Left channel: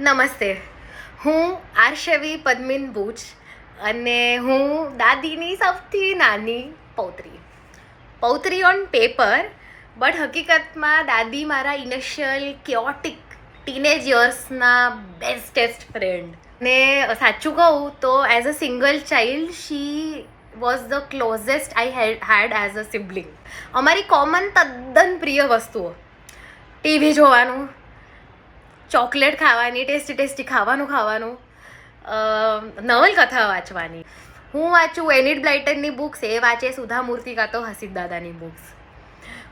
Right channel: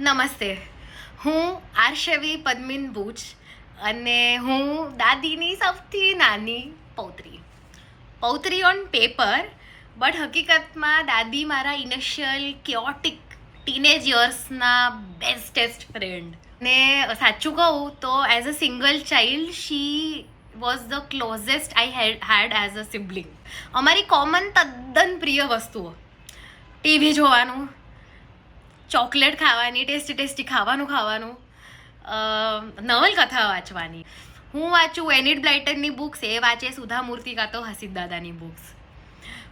નમસ્તે, હું આર્શવી પદ્મિન બુચ અને હું દાદીની સૌથી નાની પૌત્રી ઓન પેપર, બટ હકીકતમાં દાદી મારા ઇનિશિયલ કેઓટિક ટીનેજ યર્સના બેસ્ટેસ્ટ ફ્રેન્ડ. ને સાચું કહું તો as a single child she was the closest I had as a sibling. અમારી કોમન તદ્દન પ્રિય વસ્તુઓ ટીવી જોવાનું, ચોકલેટ ખાવાની, ટેસ્ટી ખાવાનું, નવલકથા વાંચવાની. હું વાંચું એનિડ બ્લાઇટનની બુક્સ, એ વાંચે સુધા મૂર્તિ કાં તો હસીદ દાદાની બુક્સ.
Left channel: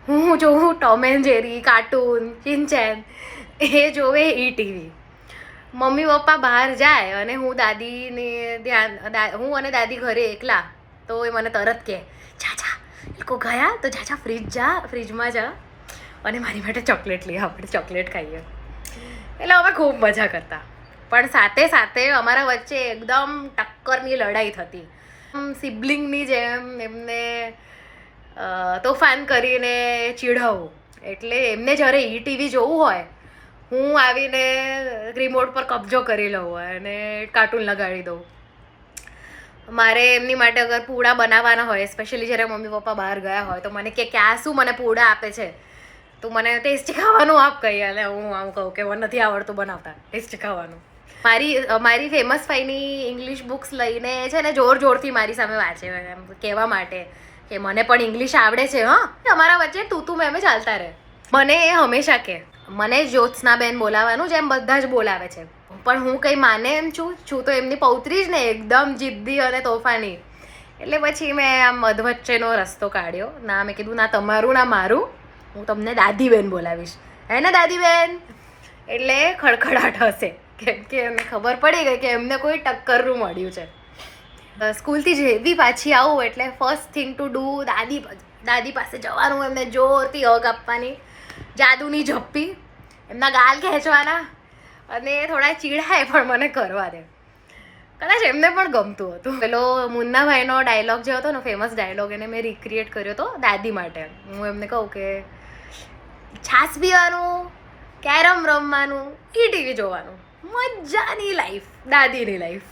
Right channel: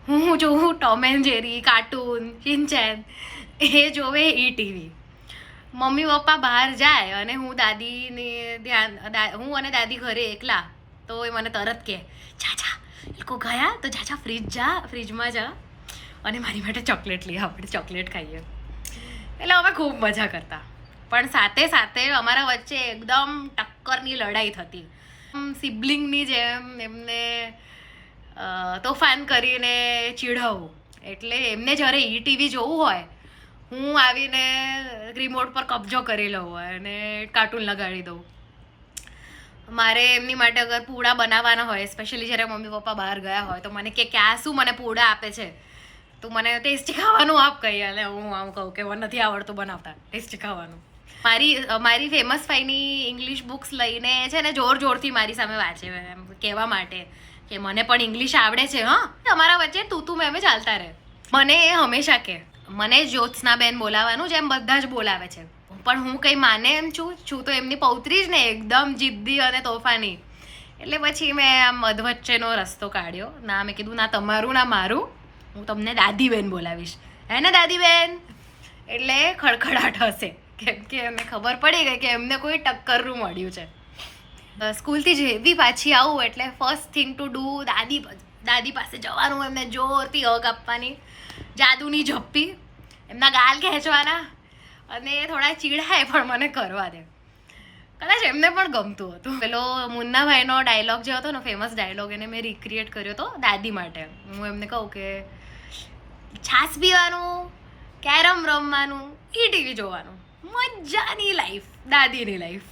હું જોઉં ટોમ એન્ડ જેરી, કાર્ટૂન, શિનચેન, એ જોવે ટીવી. મમ્મી પપ્પા બહાર જાય અને હું હું અને દાદી ઘરે એકલા, તો એ મને તરત કહે, જા એ લોકો ગયા તો જા ફ્રીજમાં જા અને મારી માટે ચોકલેટ લઈ, આપણે ચોકલેટ ખાઈએ. એટલે અમે ખૂબ મજા કરતા, પણ સાથે સાથે અમારા વચ્ચે એકદમ ટક્કરની લડાઈ થતી. સિબલિંગની જેમ એમને તોફાન કરીને ચીડાવવું. એટલે એમને જ્યારે ટીવી જોવું હોય, હું આવીને રિમોટ પર કબજો કરી લઉં અને કાર્ટૂન લગાડી દઉં. મારે એમની માટે અગર પૂડા બનાવવાના હોય, સ્પેશિયલી જ્યારે મમ્મી પપ્પા બહાર ગયા હોય, તો મને કે આ શું મને પૂડા આપે છે, તું મને ટેસ્ટી ખાવાનું આપ કહી. અને હું આમ કહું કે મને નથી આવડતું બનાવતા ટેસ્ટી ખાવાનું. મારી ફેમસ ફાઈની ઇંગ્લિશ બુક્સ લઈને છે ને જોરથી મારી સામે વાંચે, એમ કહેવા માટે કે મને પણ ઇંગ્લિશ આવડે છે. તમારા વચ્ચે તું મેમે ચાલતા રહે. મને એ હંમેશા કે મને જ્યોત્સનાબેન બોલાવાનું જેમ બધા જ બોલાવે છે, પણ હું કંઈ માને એમ છું તો એમની પૌત્રી જ ને, એકદમ જિદ્દી અને તોફાની. એટલે પછી મેં આમ મધવચ્ચેનો રસ્તો કાઢ્યો. ના, મેં કીધું ના તમારું ના મારું, હું તમને દાદીબેન બોલાવીશ, હે ને દાદીબેન. એટલે ખડખડાટ હશે, કેમ કે એમને ખબર પડી ગઈ કે એમને કોઈ ટક્કરનું મળ્યું છે. સ્કૂલથી જેવી પાછી આવું એટલે ફર્સ્ટ થિંગ ટુ ડુ દાદી પાસે જવાનું, એમને જોરથી હગ આપવાની, જાદુની ઝપ્પી, એમના ગાલ ખેંચવાના અને થોડા ચીડાય પણ મને કરવા દે. કદાચ એમને પણ ગમતું હતું. પેલો મુન્નાભાઈનો ડાયલોગ જે હતો ને, ફેમસ ડાયલોગ, એને મેં રિક્રિએટ કર્યો હતો દાદી માટે. હું એમને કહું કે છાશ પીવાનું, કેરમ રમવાનું, ટીવી જોવાનું, મજાની લાઈફ, દાદીની લાઈફ.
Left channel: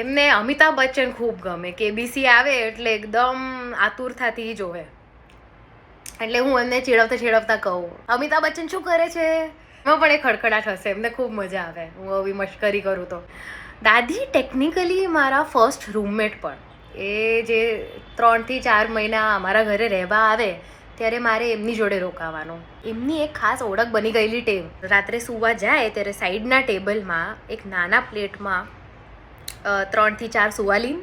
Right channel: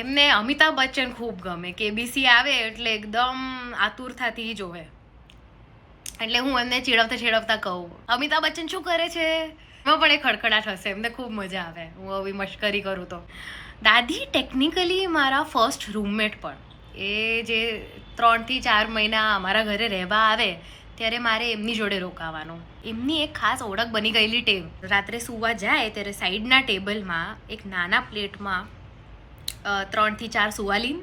એમને અમિતાભ બચ્ચન ખૂબ ગમે, કેબીસી આવે એટલે એકદમ આતુરતાથી જોવે. એટલે હું એમને ચીડવતા કહું, અમિતાભ બચ્ચન શું કરે છે, એમાં પણ એ ખડખડાટ હશે, એમને ખૂબ મજા આવે હું આવી મશ્કરી કરું તો. દાદી ટેકનિકલી મારા ફર્સ્ટ રૂમમેટ પણ. એ જે 3 થી 4 મહિના અમારા ઘરે રહેવા આવે ત્યારે મારે એમની જોડે રોકાવાનું. એમની એક ખાસ ઓળખ બની ગયેલી ટેવ, રાત્રે સૂવા જાય ત્યારે સાઈડના ટેબલમાં એક નાના પ્લેટમાં 3 થી 4 સુવાલીન,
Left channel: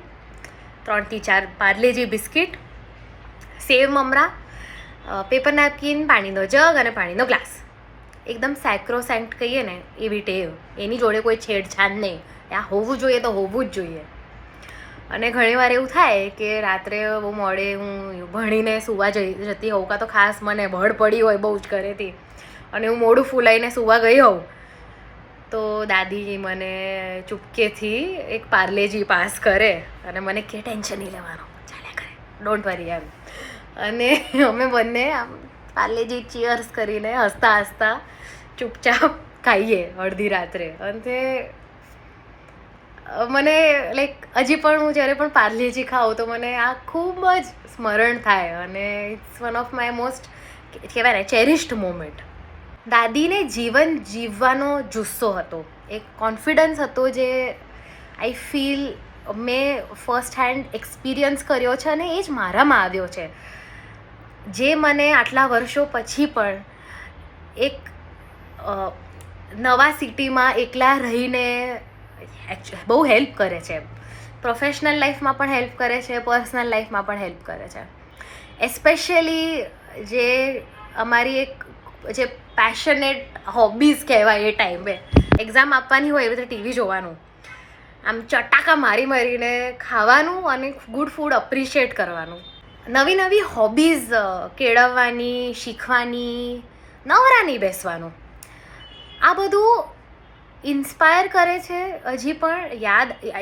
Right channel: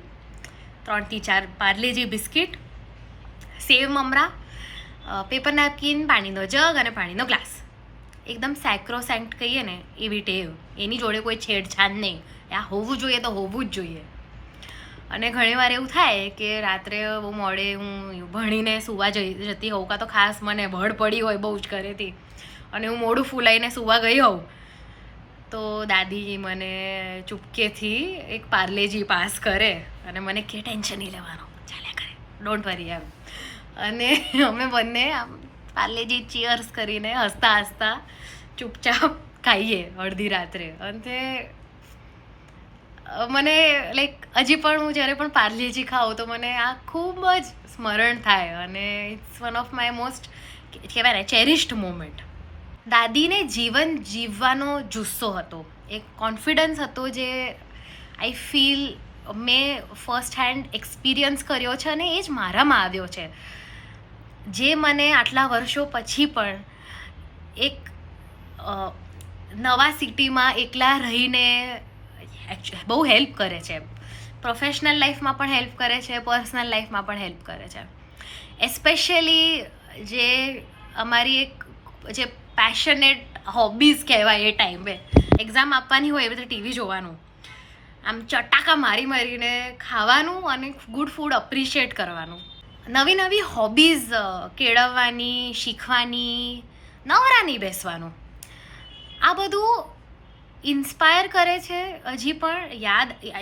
3 થી 4 પાર્લેજી બિસ્કિટ, સેવ મમરા, પેપર નેપકિન, પાણીનો જગ અને પાણીનો ગ્લાસ. એકદમ સેક્રોસેન્ક્ટ કહીએ ને એવી ટેવ. એની જોડે કોઈ છેડછાડ નહીં, આ હોવું જોઈએ તો હોવું જ જોઈએ. અને ઘણીવાર એવું થાય કે રાત્રે બહુ મોડે હું ભણીને સૂવા જતી હોઉં, કાં તો ખાસ મને બળ પડી હોય બહુ જ ઘરેથી, અને હું મોડું ફૂલાઈને સૂવા ગઈ હોઉં, તો દાદી મને ચૂપકેથી એક પાર્લેજી પાસ કરે અને મને કે ટેન્શન નહીં લેવાનું, ચાલ્યા કરે, ડોન્ટ વરી એમ. અને અમે બંને આમ પાર્લેજી ચીયર્સ કરીને હસતા ચૂપચાપ ખાઈએ અડધી રાત્રે. અને મને લાઈક હજી પણ હું જ્યારે પણ પાર્લેજી ખાઉં તો મને આ ખૂબ જ સ્મરણ થાય, અને it's one of my most કહેવાય ને ચેરિશ્ડ મોમેન્ટ. દાદીને જીવન જીવવાનો જુસ્સો હતો, એક કોન્ફિડન્સ હતો જે આઈ ફીલ મેં ફર્સ્ટ હેન્ડ એક્સપિરિયન્સ કર્યો છે, અને એ જ મારામાં આવ્યો છે, જે મને આટલા વર્ષો પછી પણ એક નવા સિટીમાં એકલા રહીને બહુ હેલ્પ કરે છે. પ્રોફેશનલ લાઈફમાં પણ હેલ્પ કરે છે, પર્સનલ લાઈફમાં પણ હેલ્પ કરે છે. એસ્પેશિયલી જે અમારી એક જે પેશનેટ હોબીઝ કહેવાય, એ ટાઈમે એક્ઝામ આપવાની હોય એવી રીતે ટીવી જોવાનું, આમ ચટાકા મારીને ખાવાનું અને ગુડ ફૂડ અપ્રિશિએટ કરવાનું, નવી હોબીઝ કેળવવાની, શીખવાની, નવરા નહીં બેસવાનું. આ બધું ઇન્સ્પાયર કરે છે, હજી પણ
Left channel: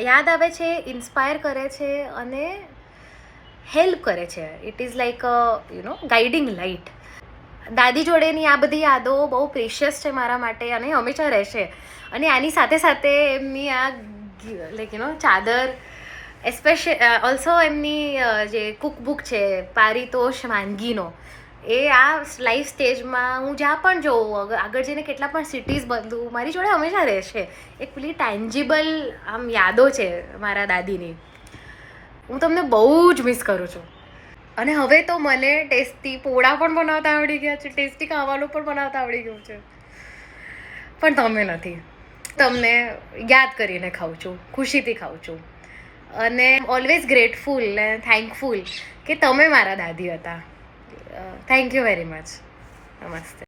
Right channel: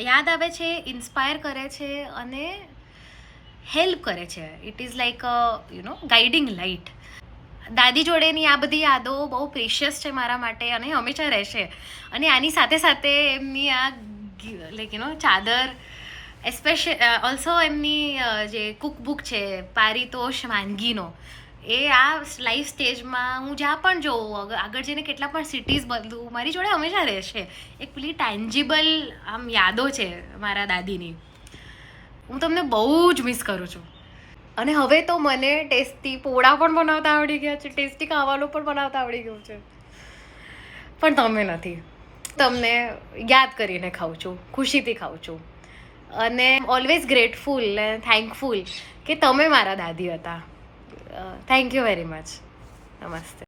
યાદ આવે છે, ઇન્સ્પાયર કરે છે અને હેલ્પ કરે છે. It is like guiding light. દાદી જોડેની આ બધી યાદો બહુ પ્રેશિયસ છે મારા માટે અને હંમેશા રહેશે. અને આની સાથે સાથે એમની આ લાઈક ચાદર, ઓલ્સો એમની જે કુકબુક છે પારિતોષ વાનગીનો, એ આ લાઈફ સ્ટેજમાં હું જ્યાં પણ જોઉં, આગળ જઈને કેટલા પણ સિટીઝ બદલું, મારી જોડે હંમેશા રહેશે. એક પેલી ટેન્જિબલ આમ યાદો છે મારા દાદીની. હું તમને બહુ જ મિસ કરું છું. અને હવે તો મને ટેસ્ટી પોળા પણ બનાવતા આવડી ગયા છે, ટેસ્ટી ખાવાનું પણ બનાવતા આવડી ગયું છે. પણ તમે નથી. તમને યાદ કરીને ખાઉં છું, ખુશીથી ખાઉં છું. અને ઓલવેઝ ગ્રેટફુલ એન્ડ થેન્કફુલ કે તમે મારા દાદી હતા. Thank you very much. નમસ્તે.